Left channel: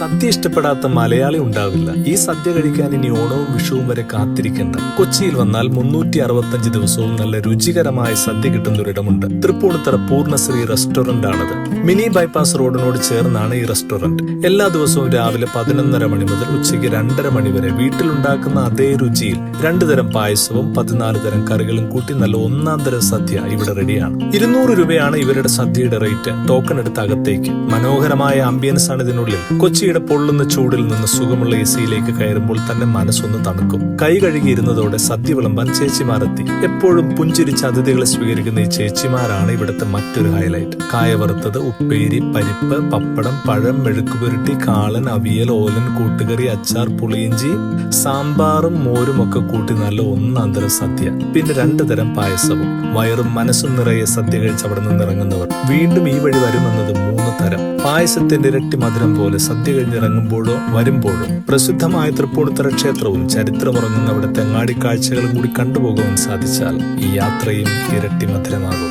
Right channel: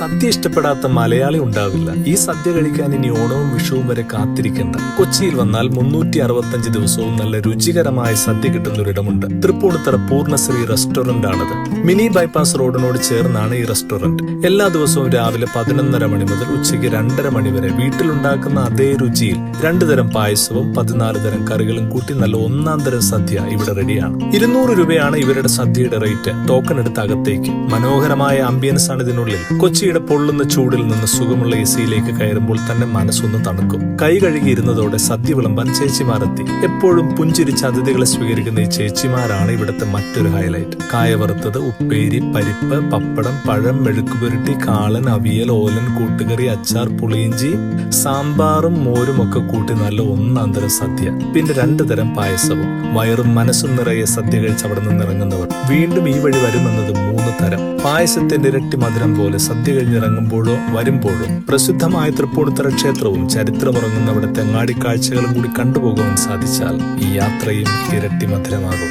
സദ്യ ഇഷ്ടപ്പെടാത്ത മലയാളി ഉണ്ടാവില്ല. ഈ സദ്യ കഴിക്കാൻ ഇനി ഓണവും വിഷുവും വരെ കാത്തിരിക്കേണ്ട. കൊച്ചിയിൽ വന്നാൽ 365 ദിവസവും നല്ല രുചികരമായ സദ്യ കിട്ടുന്ന ഒരിടമുണ്ട്. തൃപ്പൂണിത്തറ പൂർണ്ണശ്രീ റെസ്റ്റോറന്റ് ആണത്. മിനി ബൈപ്പാസ് റോഡിനോട് ചേർന്നാണ് ഈ റെസ്റ്റോറന്റ്. എല്ലാ ദിവസവും രാവിലെ 11:30 മണി മുതൽ ഉച്ചയ്ക്ക് 2:30 മണി വരെ വീട്ടിലുണ്ടാക്കുന്ന അതേ രുചിയിൽ 2 തരം പായസവും 14 തരം കറികളും കൂട്ടി നല്ല ഒന്നാം തരം സദ്യ ഇവിടെ റെഡിയാണ്. 200 രൂപയാണ് ഇവരുടെ സദ്യയുടെ റേറ്റ്. ടോക്കൺ എടുത്ത് അകത്തേക്ക്. മനോഹരമായ ആംബിയൻസ് ആണ് ഇതിനുള്ളിൽ. കൊച്ചിയുടെ പൊള്ളുന്ന ചൂടിൽ നിന്ന് സുഖമുള്ള എസിയിലേക്ക് കയറുമ്പോൾ തന്നെ മനസ്സൊന്ന് തണുക്കും. കൈ കഴുകിയിരുന്നതോടെ സദ്യ വിളമ്പാൻ ചേച്ചിമാരെത്തി. എപ്പോഴും പുഞ്ചിരിച്ച് അതിഥികളെ സ്വീകരിക്കുന്ന ഈ ചേച്ചിമാരാണ് ഇവിടുത്തെ മറ്റൊരു ഹൈലൈറ്റ്. കായ വറുത്തത്, ഉപ്പേരി, പരിപ്പ്, പപ്പടം, പഴം, മെഴുക്കുപുരട്ടി, കാളൻ, അവിയൽ, ഓലൻ, കൂട്ടുകറി, അച്ചാർ, പുളിയിഞ്ചി, സാമ്പാറും മോരും ഒക്കെ കൂട്ടി നല്ല ഒന്നാന്തരം സദ്യ. പിന്നെ 2 തരം പായസവും. വയറും മനസ്സും നിറയെ സദ്യ കഴിച്ച് അവിടെ നിന്ന് ഇറങ്ങുന്നവർ വീണ്ടും ഈ വഴി വരുമെന്നത് 3 തരം. പായസത്തിന്റെ ഇരട്ടി മധുരം പോലെ സദ്യ കഴിഞ്ഞിറങ്ങുമ്പോഴോ വരുമ്പോഴോ പ്രസിദ്ധമായ തൃപ്പൂണിത്തറ ക്ഷേത്രവും ചരിത്രമുറങ്ങുന്ന അവിടെ തെങ്ങാടി കാഴ്ചകളും കൂടി കണ്ടുപോകുവാൻ സാധിച്ചാൽ ഈ യാത്രയും ഇരട്ടി മധുരമാകും.